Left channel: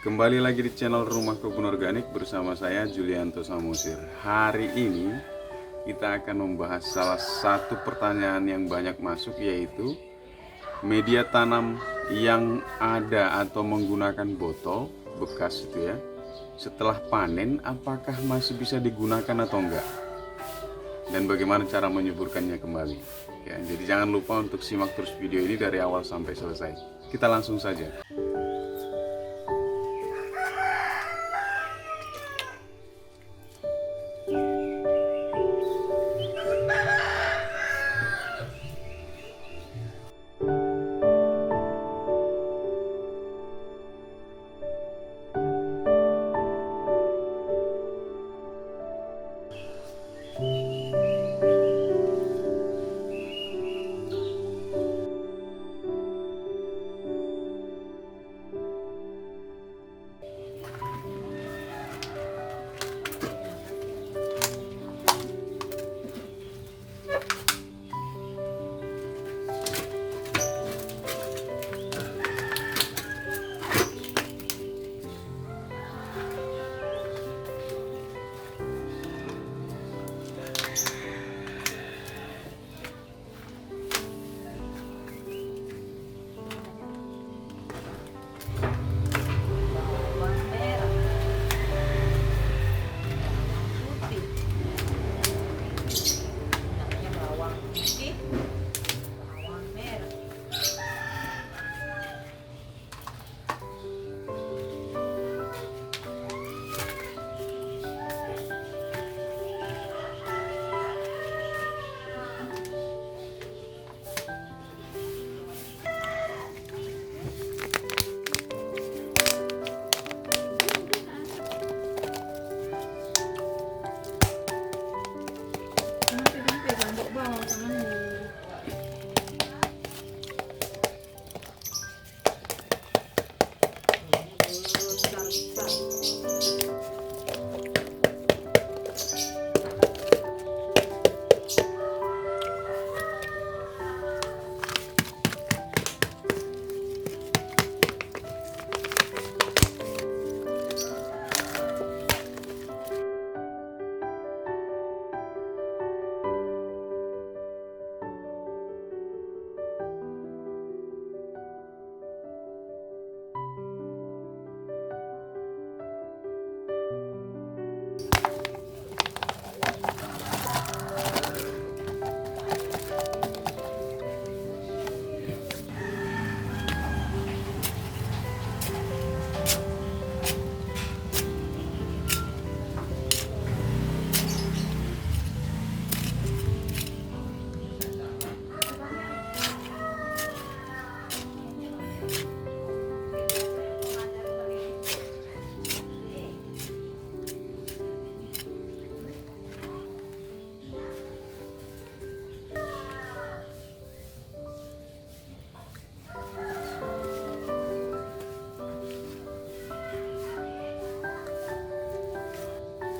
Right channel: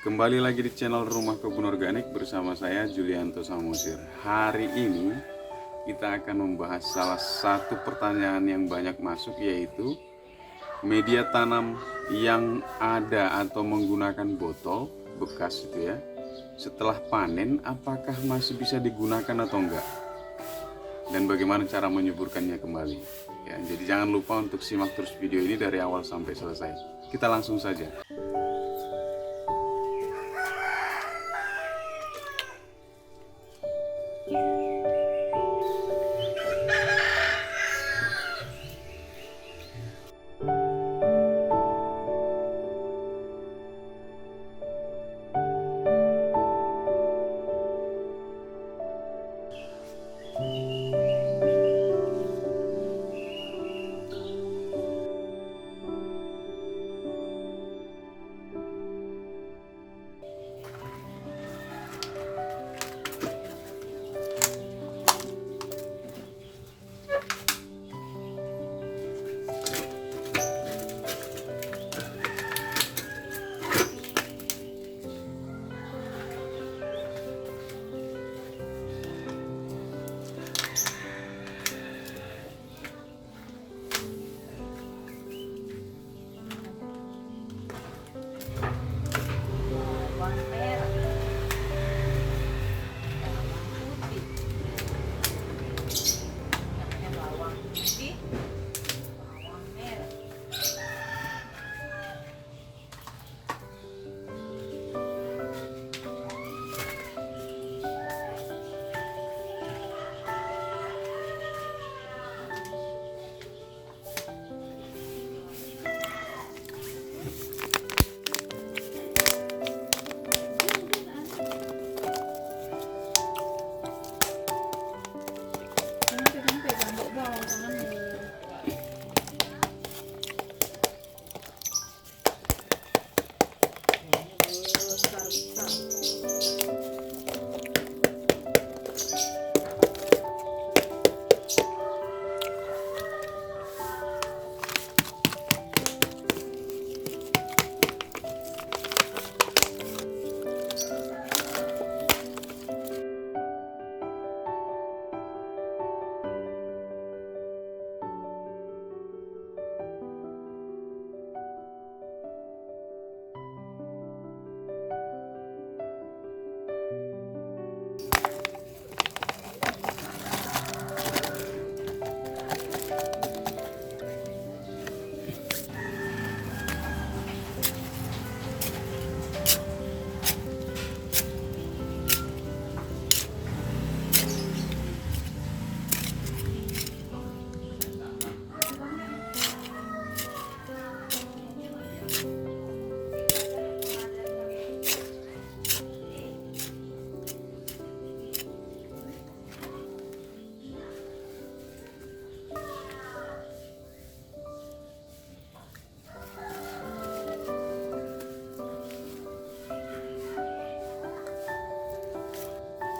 Kembali lagi di channel Rumah Kebun Organik bersama saya Julianto Samosir. Hari ini kita akan membahas salah satu pertanyaan yang banyak masuk, yaitu media tanam yang ada atau menggunakan botol bekas itu ya, setelah panen apakah masih bisa digunakan atau enggak, dan bagaimana cara menyuburkannya kembali ya. Jadi jangan lupa untuk simak terus video ini dari awal sampai selesai. Kita langsung saja.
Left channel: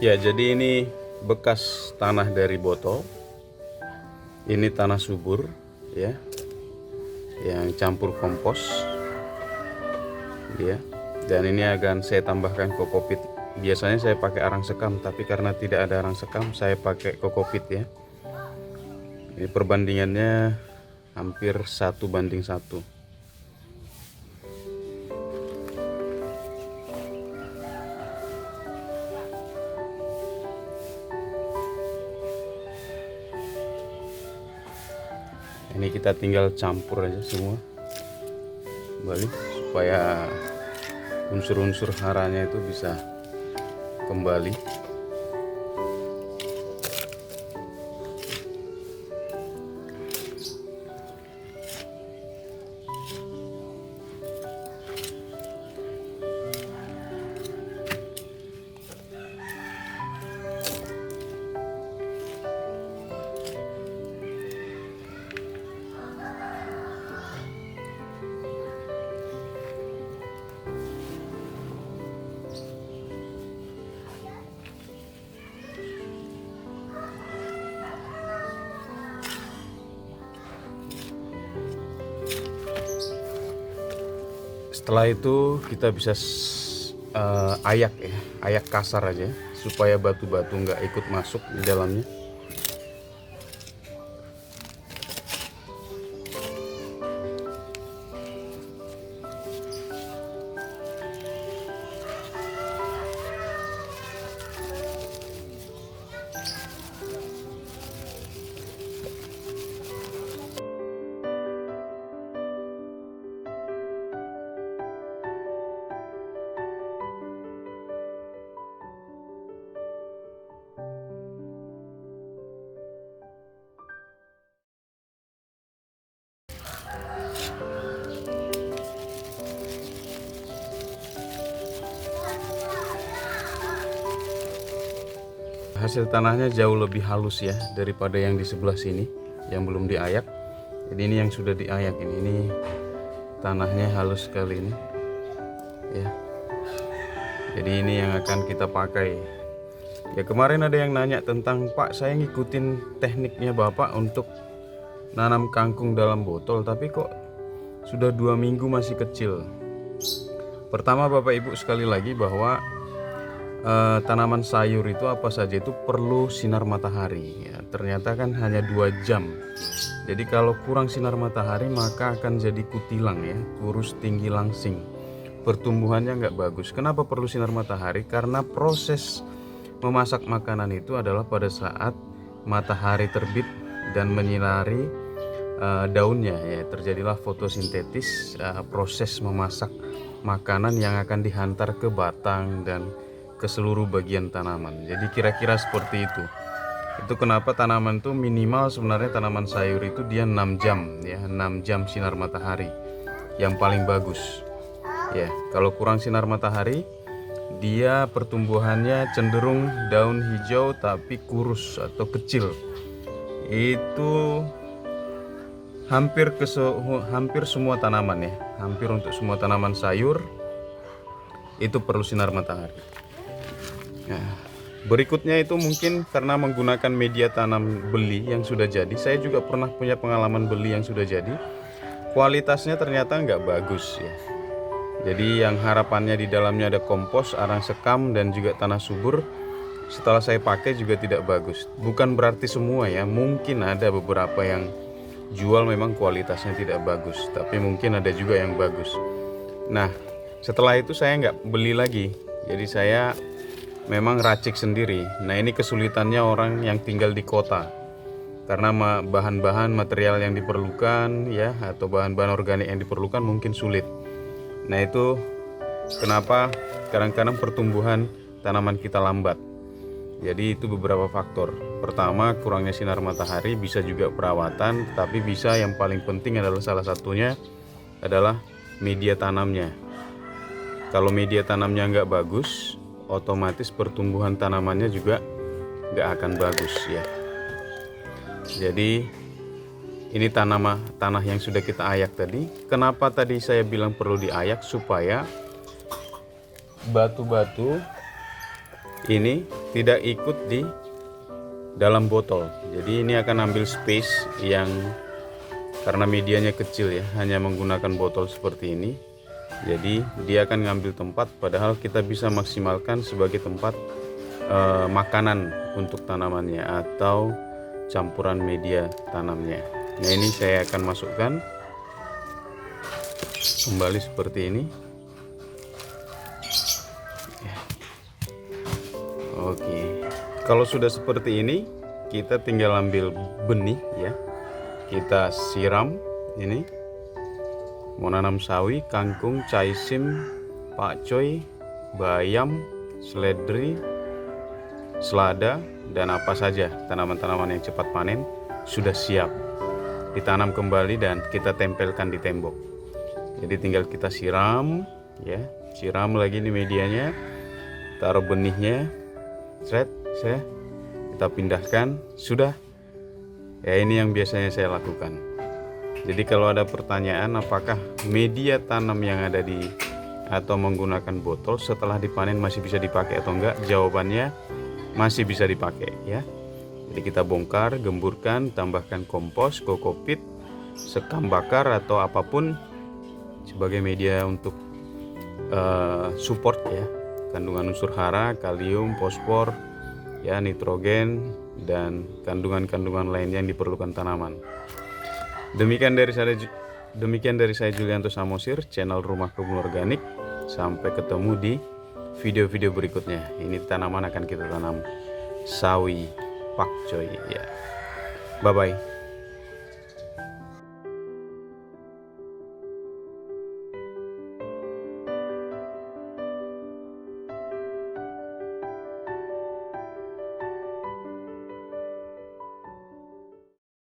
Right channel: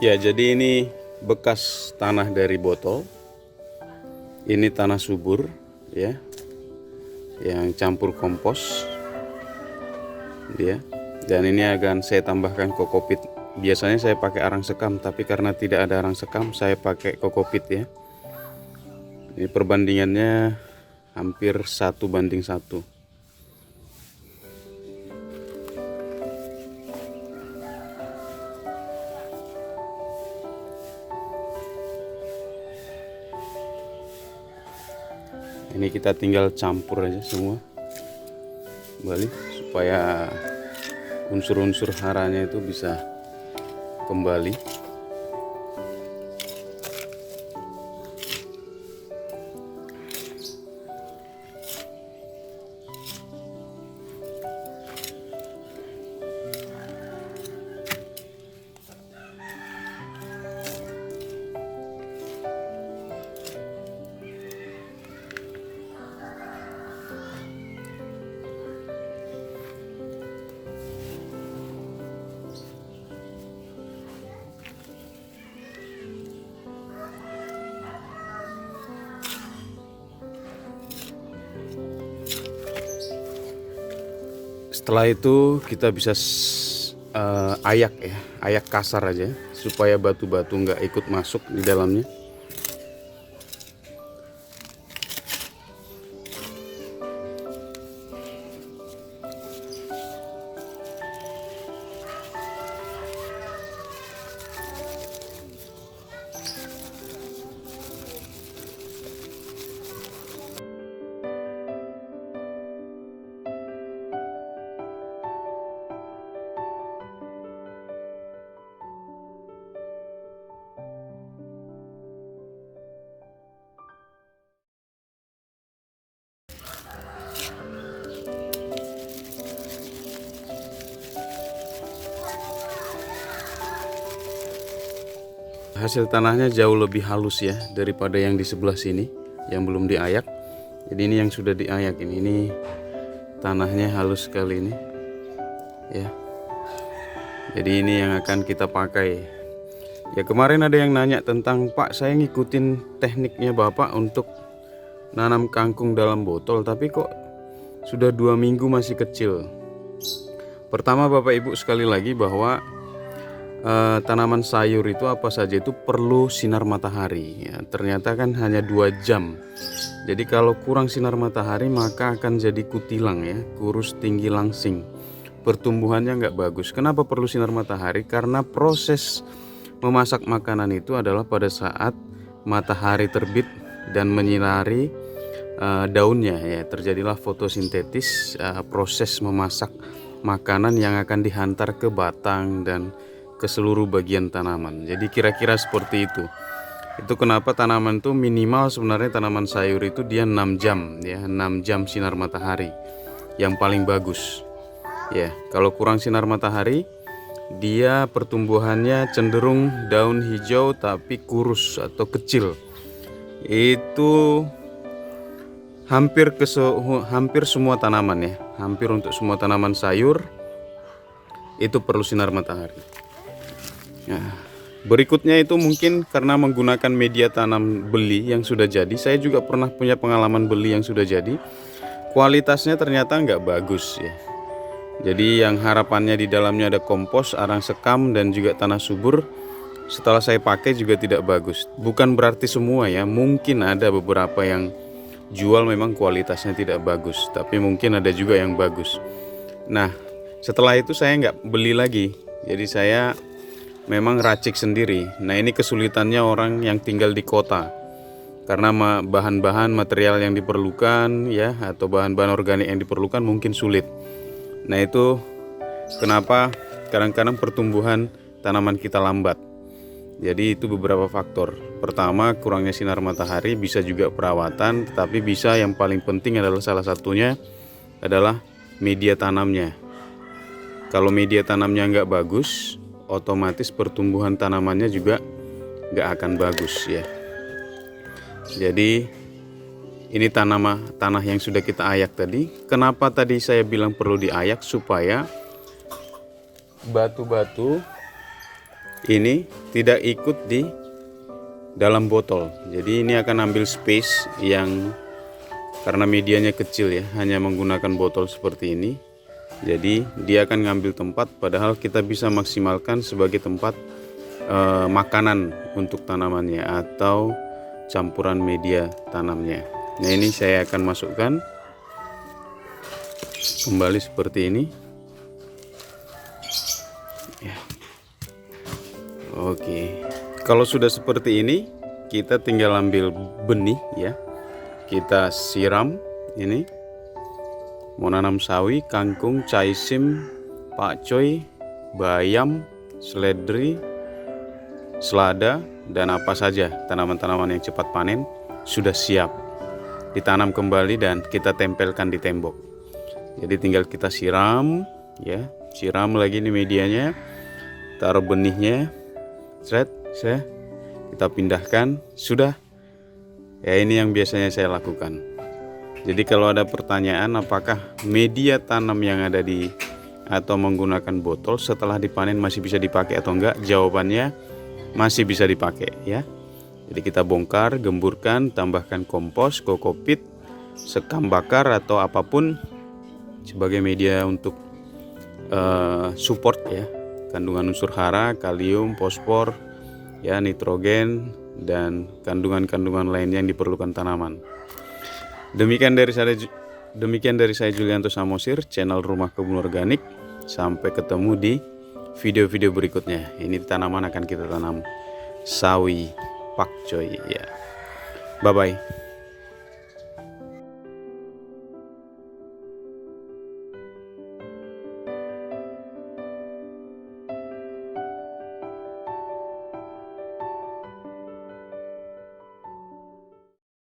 Ya, jadi ini bekas tanah dari botol. Ini tanah subur ya, yang campur kompos ya. Dan ini akan saya tambahkan kokopit. Biasanya saya pakai arang sekam, tapi karena tidak ada arang sekam, saya pakai kokopit ya. Ini perbandingannya hampir 1:1. Ini kita tinggal campur aja semua kembali supaya unsur-unsur haranya itu bisa kembali. Setelah itu kita bisa ayak ya, ayak kasar aja supaya batu-batu nggak ikut masuk di dalamnya. Hasil tanahnya jauh lebih halus ya daripada yang di sebelah sini yang belum diayak. Jadi ini yang sudah diayak ini tanahnya halus sekali ini ya. Jadi ini yang akan kita pakai. Ya kemarin ada yang nanya tentang, Pak, saya ngikutin tekniknya Bapak untuk nanam kangkung dalam botol, tapi kok sudah 2 minggu masih kecil. Pertama Bapak Ibu sekali lagi bahwa tanaman sayur itu apa saja itu perlu sinar matahari ya. Ternyata kan hanya 2 jam. Jadi kalau kurang sinar matahari maka akan jadi kutilang ya, kurus tinggi langsing. Pertumbuhannya nggak bagus. Kenapa perlu sinar matahari? Karena proses memasak makanan itu adalah pada saat matahari terbit dan menyinari daunnya ya, terjadilah fotosintesis, proses memasak makanan yang akan dihantar ke batang dan ke seluruh bagian tanaman. Jadi kira-kira seperti itu. Itu kenapa tanaman itu minimal sebenarnya tanaman sayur itu dia 6 jam ya, 6 jam sinar matahari yang paling bagus. Ya, kalau kurang sinar matahari dia pertumbuhannya cenderung daun hijau tapi kurus atau kecil. Itu hampir semua tanaman ya, hampir untuk semua tanaman sayur itu perlu sinar matahari. Nah, berikutnya itu mungkin karena menggunakan media tanam beli yang sudah jadi. Saya juga pernah punya pengalaman beli yang sudah jadi. Kualitasnya ternyata nggak bagus ya. Jadi yang harapannya di dalamnya ada kompos, arang sekam dan juga tanah subur. Setelah saya pakai juga tidak bagus. Bukan berarti semua ya. Mungkin ada beberapa yang jual memang kualitasnya tidak bagus. Tapi mungkin ada juga yang bagus. Nah, setelah itu saya nggak beli lagi. Jadi saya memang racik sendiri. Nah ini kesulitannya orang yang tinggal di kota, karena bahan-bahan material yang diperlukan ya, atau bahan-bahan organik yang diperlukan mungkin sulit. Nah itu kenapa kadang-kadang pertumbuhan tanaman kita lambat. Jadi itu beberapa faktor. Pertama, kurangnya sinar matahari, bisa juga perawatan, tetapi bisa yang paling penting adalah salah satunya adalah media tanamnya. Kalau media tanamnya nggak bagus, otomatis pertumbuhan tanamannya juga nggak akan bagus ya. Jadi ini tanah yang sudah kita ayak tadi. Kenapa tadi saya bilang perlu diayak? Supaya batu-batu ini tidak ikut di dalam botol. Jadi ini akan ambil space yang, karena medianya kecil ya, hanya menggunakan botol seperti ini. Jadi dia akan ngambil tempat, padahal kita bisa maksimalkan sebagai tempat makanan untuk tanamannya atau campuran media tanamnya. Nah ini saya akan masukkan kembali seperti ini ya. Oke, kalau sudah seperti ini kita tinggal ambil benih ya, kita siram. Ini mau nanam sawi, kangkung, caisim, pakcoy, bayam, seledri, selada, dan apa saja tanaman-tanaman yang cepat panen sudah siap ditanam kembali dan kita tempelkan di tembok. Jadi tinggal kita siram ya, siram lagi nih medianya, taruh benihnya, kita pindahkan, sudah ya. Ini yang biasanya saya lakukan. Jadi kalau ada pertanyaan apakah media tanam yang ada di atau menggunakan botol setelah dipanen masih bisa dipakai atau enggak, jawabannya masih bisa dipakai ya. Jadi kita bongkar, gemburkan, tambahkan kompos, kokopit, sekam bakar atau apapun sebagai media untuk support ya, kandungan unsur hara, kalium, fosfor, ya, nitrogen, dan kandungan-kandungan lainnya yang diperlukan tanaman. Demikian dari saya Julianto Samosir, channel Rumah Kebun Organik. Sampai ketemu di video-video berikutnya. Ini tanaman akan kita tanam sawi pakcoy ya. Bye bye.